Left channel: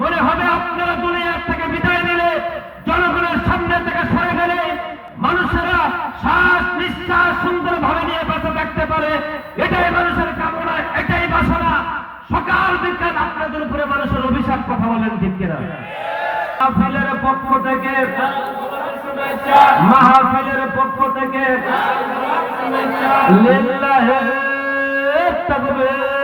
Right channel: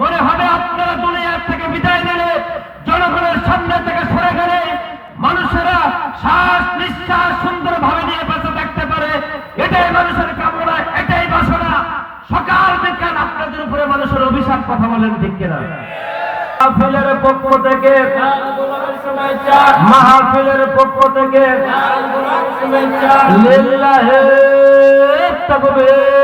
মনে হবে আপনারা দুনিয়ার থেকে বিদায় নিলে, জনগণের সামনে থেকে সরে গেলে, মানুষেরা শ্বাস নিঃশ্বাস সুন্দর ভাবে নিয়ে বেঁচে থাকতে পারে। এটাই মানুষের কামনা, এটাই বাসনা। সকাল বিকাল আপনাদের উপরে মানুষের অভিশাপ কথা বলেন, ঠিক কিনা? মাহফিলের পক্ষ থেকে, মাহফিলের পক্ষ থেকে, লিল্লাহে তাকবীর।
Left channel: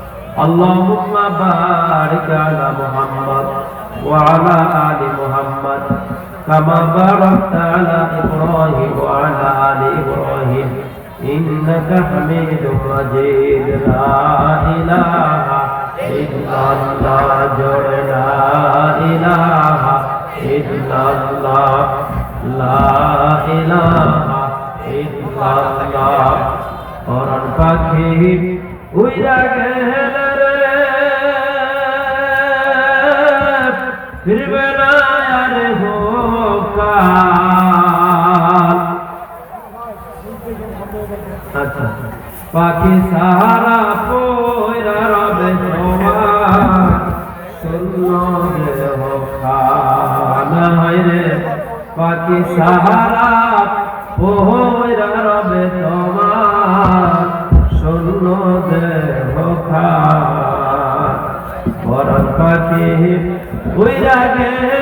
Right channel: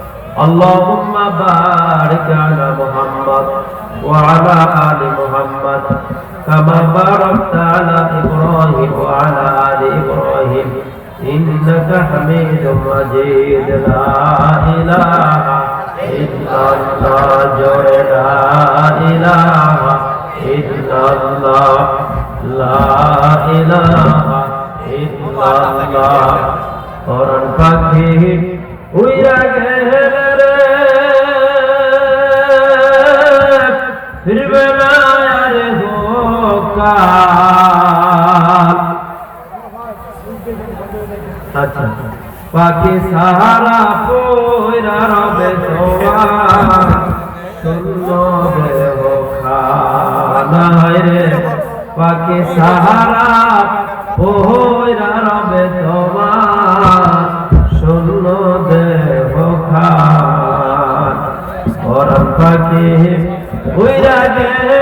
اللهم بارك على محمد وعلى آل محمد كما باركت على إبراهيم وعلى آل إبراهيم إنك حميد مجيد لا إله إلا الله جل لا إله إلا الله لا إله إلا الله قرآن পাখি উইরা গেলে ফিরবে না আচ্ছা পাখি সাহারা পয়রা রবে পাখি সাহারা পয়রা রবে তোমার পাখি উইরা গেলে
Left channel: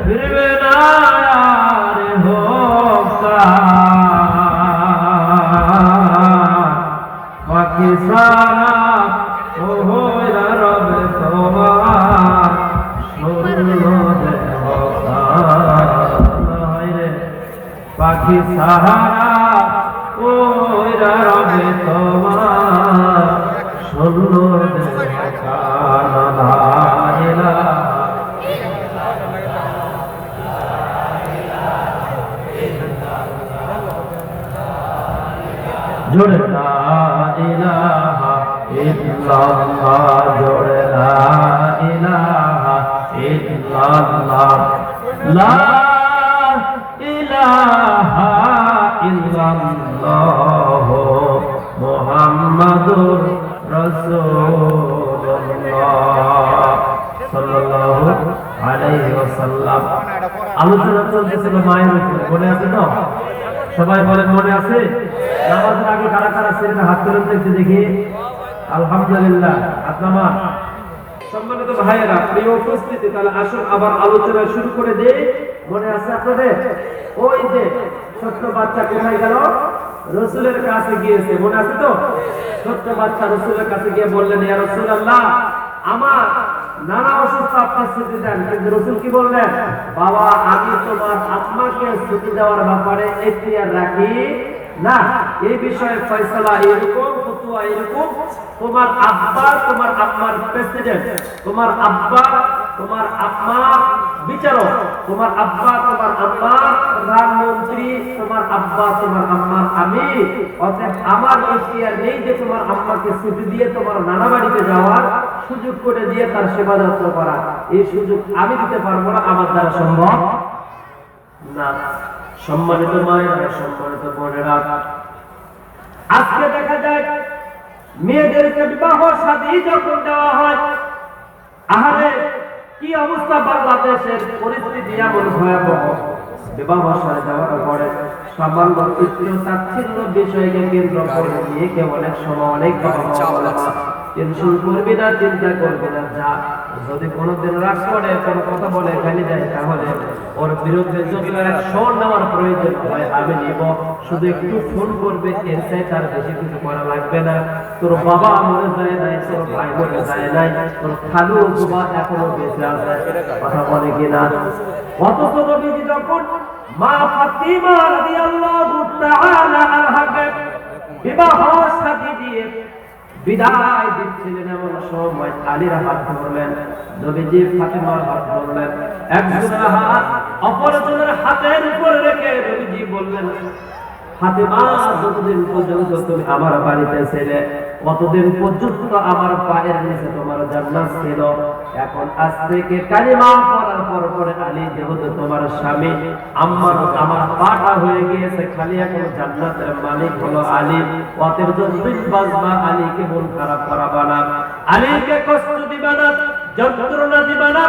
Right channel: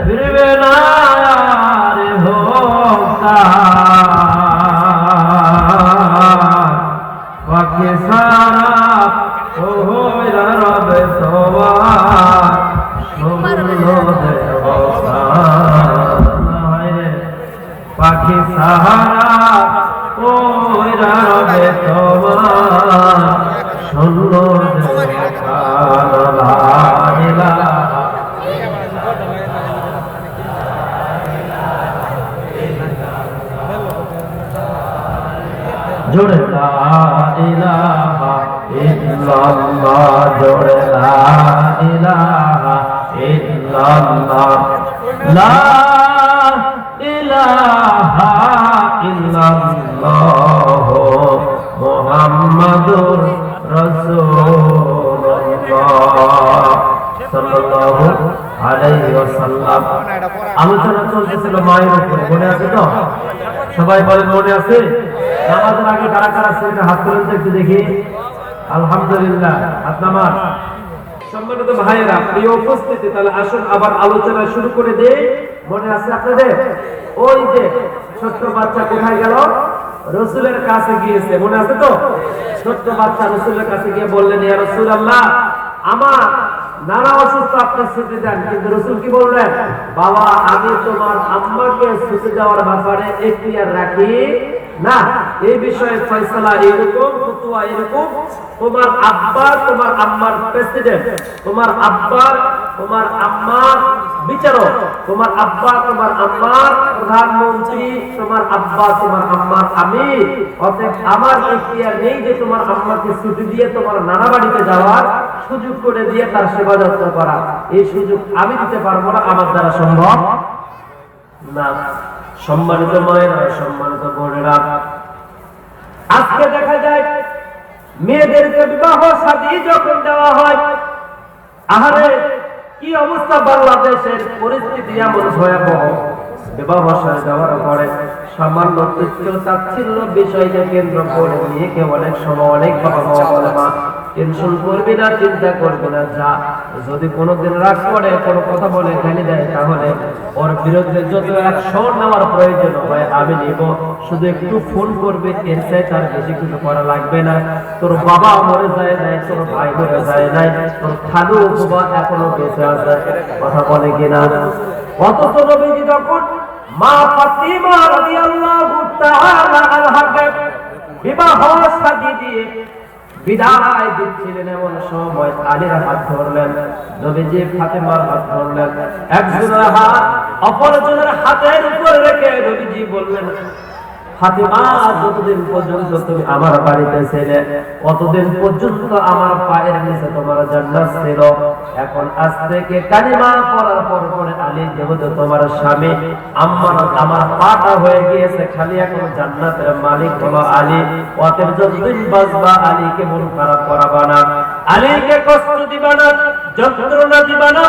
ফিরবে না পাখি সারা ও হইরা রবে তোমার শূন্য দেহ রে পাখি সাহারা জোরে লা ইলাহা ইল্লাল্লাহ, জোরে লা ইলাহা ইল্লাল্লাহ। লা ইলাহা ইল্লাল্লাহ মুহাম্মাদুর রাসূলুল্লাহ। সাল্লাল্লাহু আলাইহি ওয়াসাল্লাম। আলোচনা চলতেছিল মায়ের উপরে, মনে আছে তো? সবাই বলে মনে আছে? নামাজের আগে কারা কারা সেটা হাত তুলে দেখতে দেখি। আলহামদুলিল্লাহ নামান। সম্মানিত ভাইয়েরা, প্রিয় উপস্থিতি, তাহলে আসুন আবার আলোচনা শুরু করে দে মনে আছে আপনাদের? ওই যে ছোট্ট বাচ্চা কোথায় গেল? রসুলের কাছে গিয়েছে। মনে আছে তো? ছোট্ট বাচ্চা রসুলের কাছে গিয়ে বললেন, ইয়া রসুল আল্লাহ আমার নানা অসুস্থ আপনি ছুটে যান কিন্তু রসুল কি বললেন? বাবা, আমি তোমার আম্মাকে ছুটে যাওয়ার ব্যাপারে এখতিয়ার রাখি। না, এই বিষয়ে ফয়সালা এরকম, ফতুয়া এরকম। তোমার আব্বা, তোমার আম্মার প্রেসিডেন্ট তোমার আব্বা, তোমার আম্মার বিচারক, তোমার আব্বা, তোমার আম্মার প্রধানমন্ত্রী, তোমার আব্বা, তোমার আম্মার আমি। অতএব আমার এখতিয়ার নেই যে তোমার আম্মাকে ছুটি দিয়ে তোমার নানা বাড়িতে যাওয়ার। সুযোগ করে দিয়ে তার সেবা যত্ন করা। এই সুযোগ আমি দিতে পারব না, আমার দ্বারা সম্ভব না। সম্মানিত মায়েরা, সম্মানিত বোনেরা, আজকে দেখা যায় মেয়েদেরকে বিবাহ শাদী যখন দেওয়া হয়, আহারে, কি অবস্থা বাংলাদেশের পরিস্থিতি এমন ভয়াবহ। বিবাহ সাথে যাওয়ার পরে সামান্য তুচ্ছ তাচ্ছিল্য বিষয়কে কেন্দ্র করে মেয়েকে অনেক সময় অনেক বাবা মা টেনশন করবি না, চিন্তা করবি না, যা। যদি কোনোদিন রাগ করে, কোনো কথা বলে খালি দেয়, তাহলে ওর বিরুদ্ধে যত অ্যাকশন নেওয়ার প্রয়োজন হয়, আমি নিব। শুধু একটু ফোন করবে এর চাই তার বেশি কিছু করা লাগবে না। তোর বাবা মরে যায় নাই, তোর ভাই মরে যায় নাই, তোর খালু বাবা এখনও বেঁচে আছে, কথা বলে কিনা? অথচ নবীজি যখন মা ফাতিমা রাদিয়াল্লাহু তাআলা আনহাকে বিবাহ সাজি দিয়ে বিদায় দিচ্ছিলেন এমন সময় আলীর হাত ধরলেন, নবীজি ফাতেমার হাত ধরলেন। একজনের হাত অপরজনের হাতের উপর রেখে নবীজি বললেন, ফাতেমা, যতদিন পর্যন্ত তুমি আমার বাড়িতে ছেলে কতদিন পর্যন্ত আমার পায়ের নিচে তোমার জান্নাত ছিল। এখন আজ থেকে কালিমা পড়ার পর পরে আলী যেহেতু তোমার স্বামী আমার আমার পাটা হয়ে গিয়েছে, খালি এখন জান্নাতের মালিক হলো আলী। অতএব যতদিন বাজবা আলীকে মন খারাপ করাবা না। আলীকে কষ্ট দিবা না, যন্ত্রণা দিবা না,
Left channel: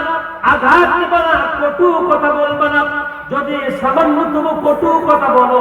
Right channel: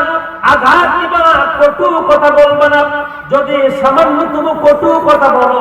আঘাত দিবা না, কটু কথা বলবা না। যদি সামান্য তুমি কটু কথা বলো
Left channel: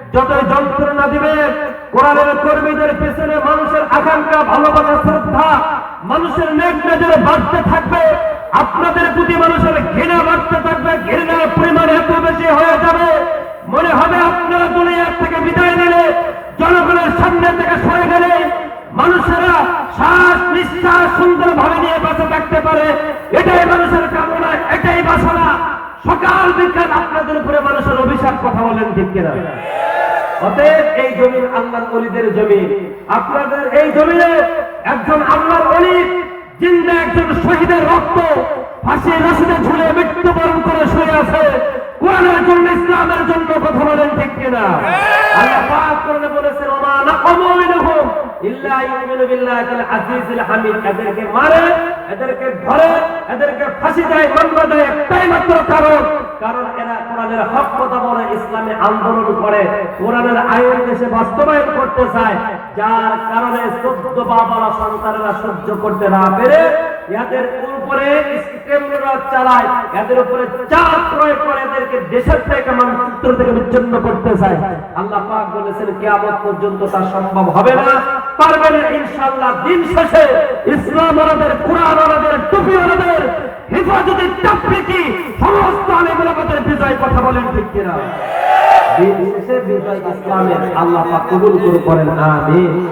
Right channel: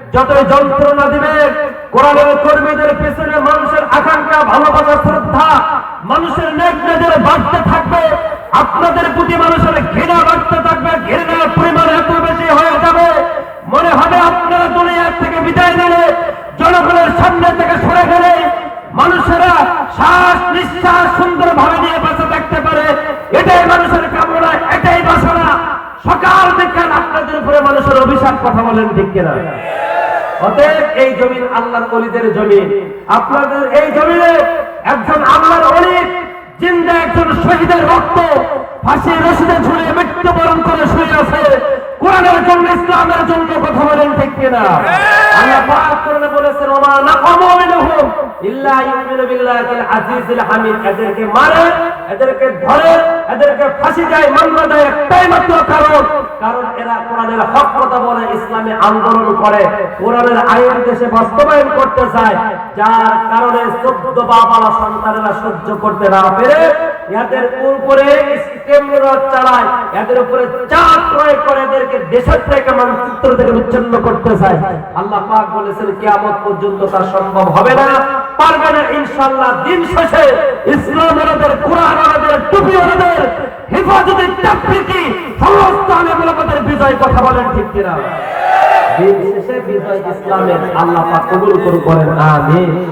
যতই যন্ত্রণা দিবেন কোরআনের কর্মীদের পেছনে মানুষের আকাঙ্ক্ষা, ভালোবাসা, শ্রদ্ধা, মানুষের নেক নজরে বাড়তে থাকবে। আপনাদের প্রতি মানুষের ঘৃণা বাড়তে থাকবে, ঘৃণার পরিমাণ এত বেশি হয়ে যাবে। মনে হবে আপনারা দুনিয়ার থেকে বিদায় নিলে, জনগণের সামনে থেকে সরে গেলে মানুষেরা শ্বাস নিঃশ্বাস সুন্দর ভাবে নিয়ে বেঁচে থাকতে পারে। এটাই মানুষের কামনা, এটাই বাসনা। সকাল বিকাল আপনাদের উপরে মানুষের অভিশাপ, কথা বলেন ঠিক কিনা? অতএব এই জমিন আল্লাহর অলিদের জমিন। আপনাদের এই জমিনে একজন আল্লাহর অলিদ জিন্দা একজন শহীদের রক্ত ফাঁসি রসিদে ঝুলে মৃত্যুবরণ করে শুয়ে আছে। কোরআনের জন্য ইসলামের জন্য কথা বলেন ঠিক কিনা? আল্লাহ পাক করে বলেছেন ওমা নাকামু আন্দোলন করে। কোরআনের আইন দেশে বাস্তবায়ন করতে চায়। যার কারণে চোদ্দ সন্তানেরা সহ্য করতে না পেরে এদের উপরে চালায়, এদের উপরে চাপ প্রয়োগ করে এদেরকে দেশের থেকে থেকে বিচ্ছিন্ন করতে চায়। আল্লাহ পাক বলেছেন, কিয়ামত পর্যন্ত তা সম্ভব হবে না। পারবে না ইনশাল্লাহ দিন শেষে ইসলাম ওনাদের, কোরআন ওনাদের, টুপি ওনাদের, হেফাজতের তাকফিকি সমস্ত আলেমুলামাদের বিজয় কথা বলেন ঠিক কিনা? দিন শেষে বিজয় ইসলামের আল্লাহ কবুল করুন আমিন।